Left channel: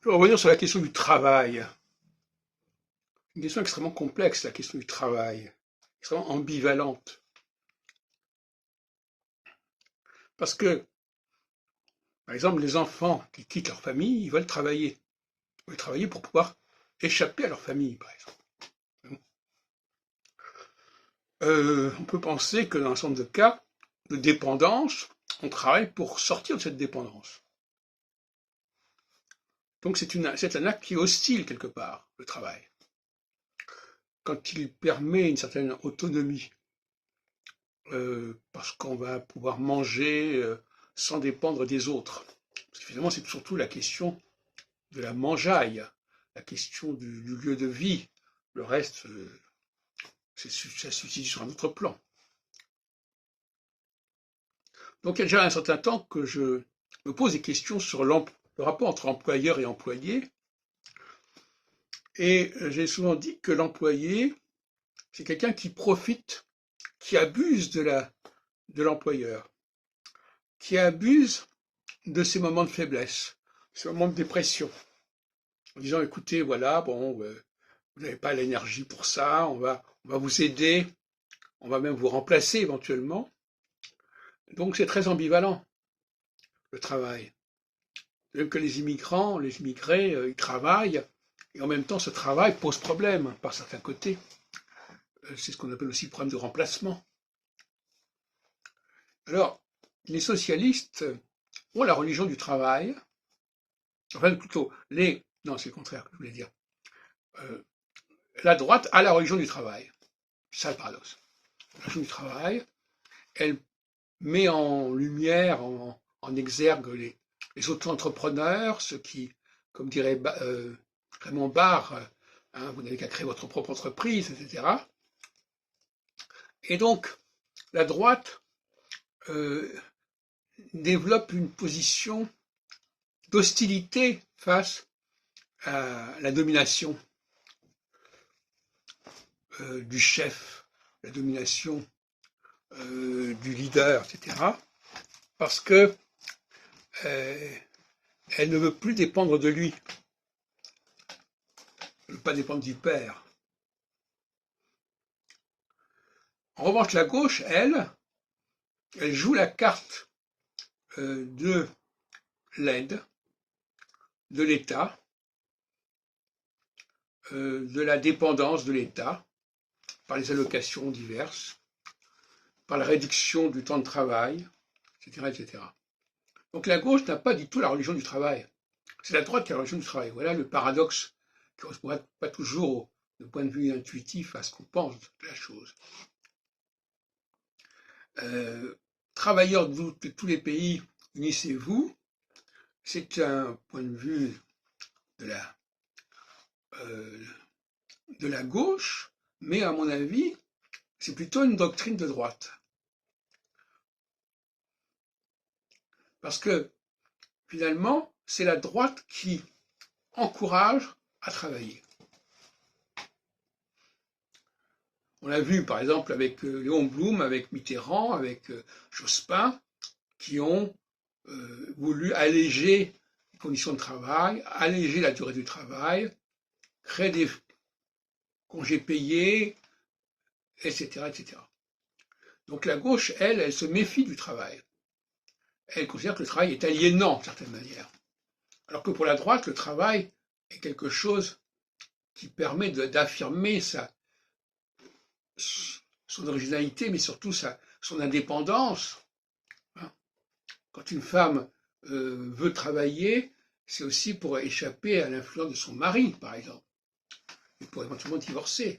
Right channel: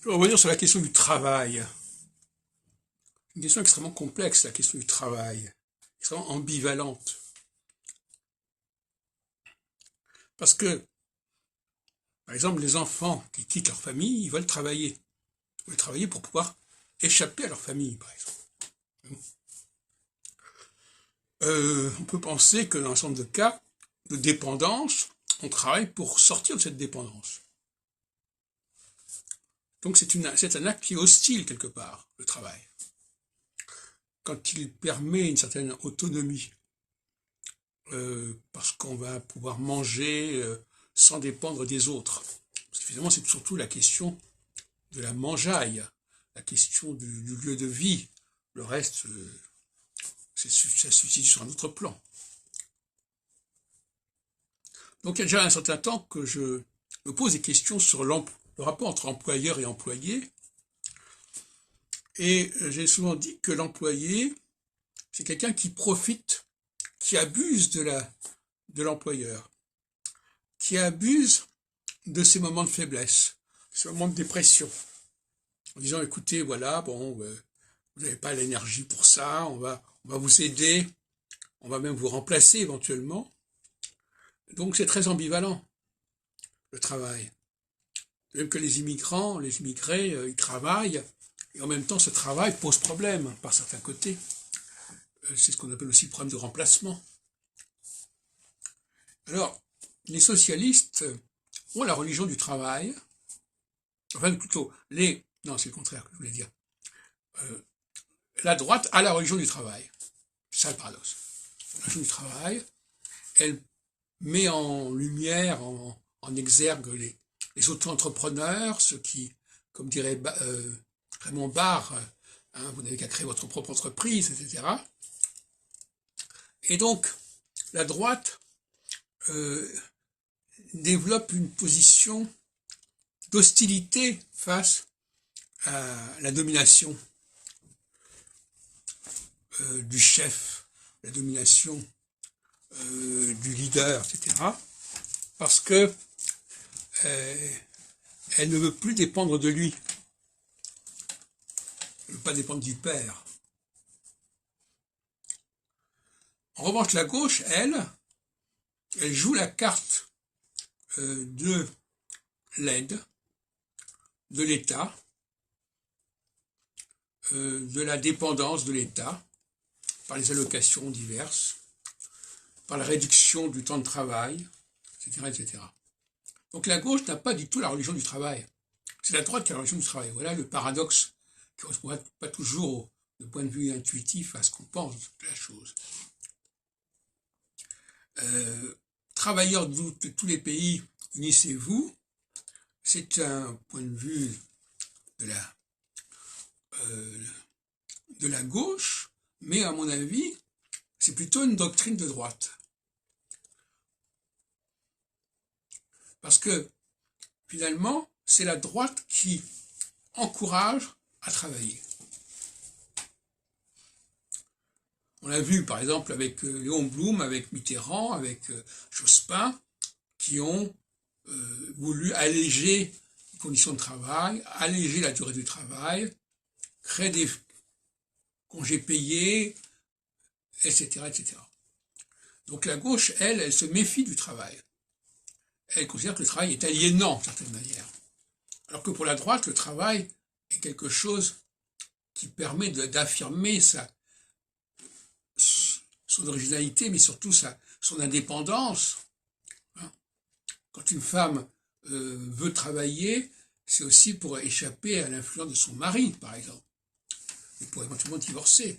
Je vais revenir sur la question du travail. Une question extrêmement complexe, la question du travail, extrêmement ambivalente. Parce que, par exemple, les enfants qui quittent leur famille, ils veulent travailler. Ils veulent travailler pour pouvoir échapper à leur famille, par exemple. On peut penser que dans un certain nombre de cas de dépendance, on travaille pour sortir de cette dépendance. Donc c'est un acte qui est hostile quelque part, le travail. Quand il permet une certaine autonomie, parce qu'on va pouvoir manger sans dépendre des autres. Parce que finalement, c'est surtout la question de la mangeaille, la question du lieu de vie. Le reste, ça se situe sur un autre plan. Donc il y a déjà un certain temps que je me pose des questions sur le rapport entre employeur et employé. Et j'ai souvent dit que l'employé, c'est quelqu'un qui profite, qui abuse de l'employeur, qui abuse de ces moments de faiblesse, ces moments de dépression, en disant écoutez, voilà, bon, vous n'avez pas l'énergie pour ça, on va vous aider, on va même vous remplacer éventuellement. Donc c'est très ambivalent, le travail. Même que les immigrés, ils travaillent, et en même temps ce travail pose problème par certains côtés. C'est ce qu'on appelle aussi problème de remplacement. Alors, les socialistes ont la religion du travail, enfin plutôt, non c'est le contraire que je voulais dire, la droite a la religion du travail. C'est ça le paradoxe. La religion du travail, elle met en lumière, en exergue les auto-entrepreneurs, ceux qui, comme dirait Raymond Barre, vous n'avez qu'à créer votre propre entreprise, etc. Et donc, la droite développe une position d'hostilité face à la domination du chef, la domination du leader, etc. Parce que elle ne veut plus dépendre de lui. Elle ne veut pas dépendre du père. En revanche, la gauche, elle joue la carte de l'aide, de l'État, de la dépendance de l'État, par les allocations diverses, par la réduction du temps de travail, etc., etc. Donc la gauche n'a pas du tout la religion du travail. C'est la droite qui a la religion du travail. Voilà le paradoxe qui ne correspond pas toujours, de point de vue intuitif, à ce qu'on pense de la chose. Travailleurs de tous les pays, unissez-vous. C'est un point de vue de la gauche, mais à mon avis, c'est plutôt une doctrine de droite. Parce que, finalement, c'est la droite qui encourage à travailler. On l'a vu, par exemple, avec Léon Blum, avec Mitterrand, avec Jospin, qui ont voulu alléger les conditions de travail, alléger la durée du travail, créer des congés payés, etc., etc. Donc la gauche, elle se méfie du travail. Elle considère que le travail est aliénant, d'une certaine manière. Alors que pour la droite, le travail est quelque chose qui permet d'affirmer son originalité, mais surtout son indépendance. Quand une femme veut travailler, c'est aussi pour échapper à l'influence de son mari, par exemple, et pour éventuellement divorcer.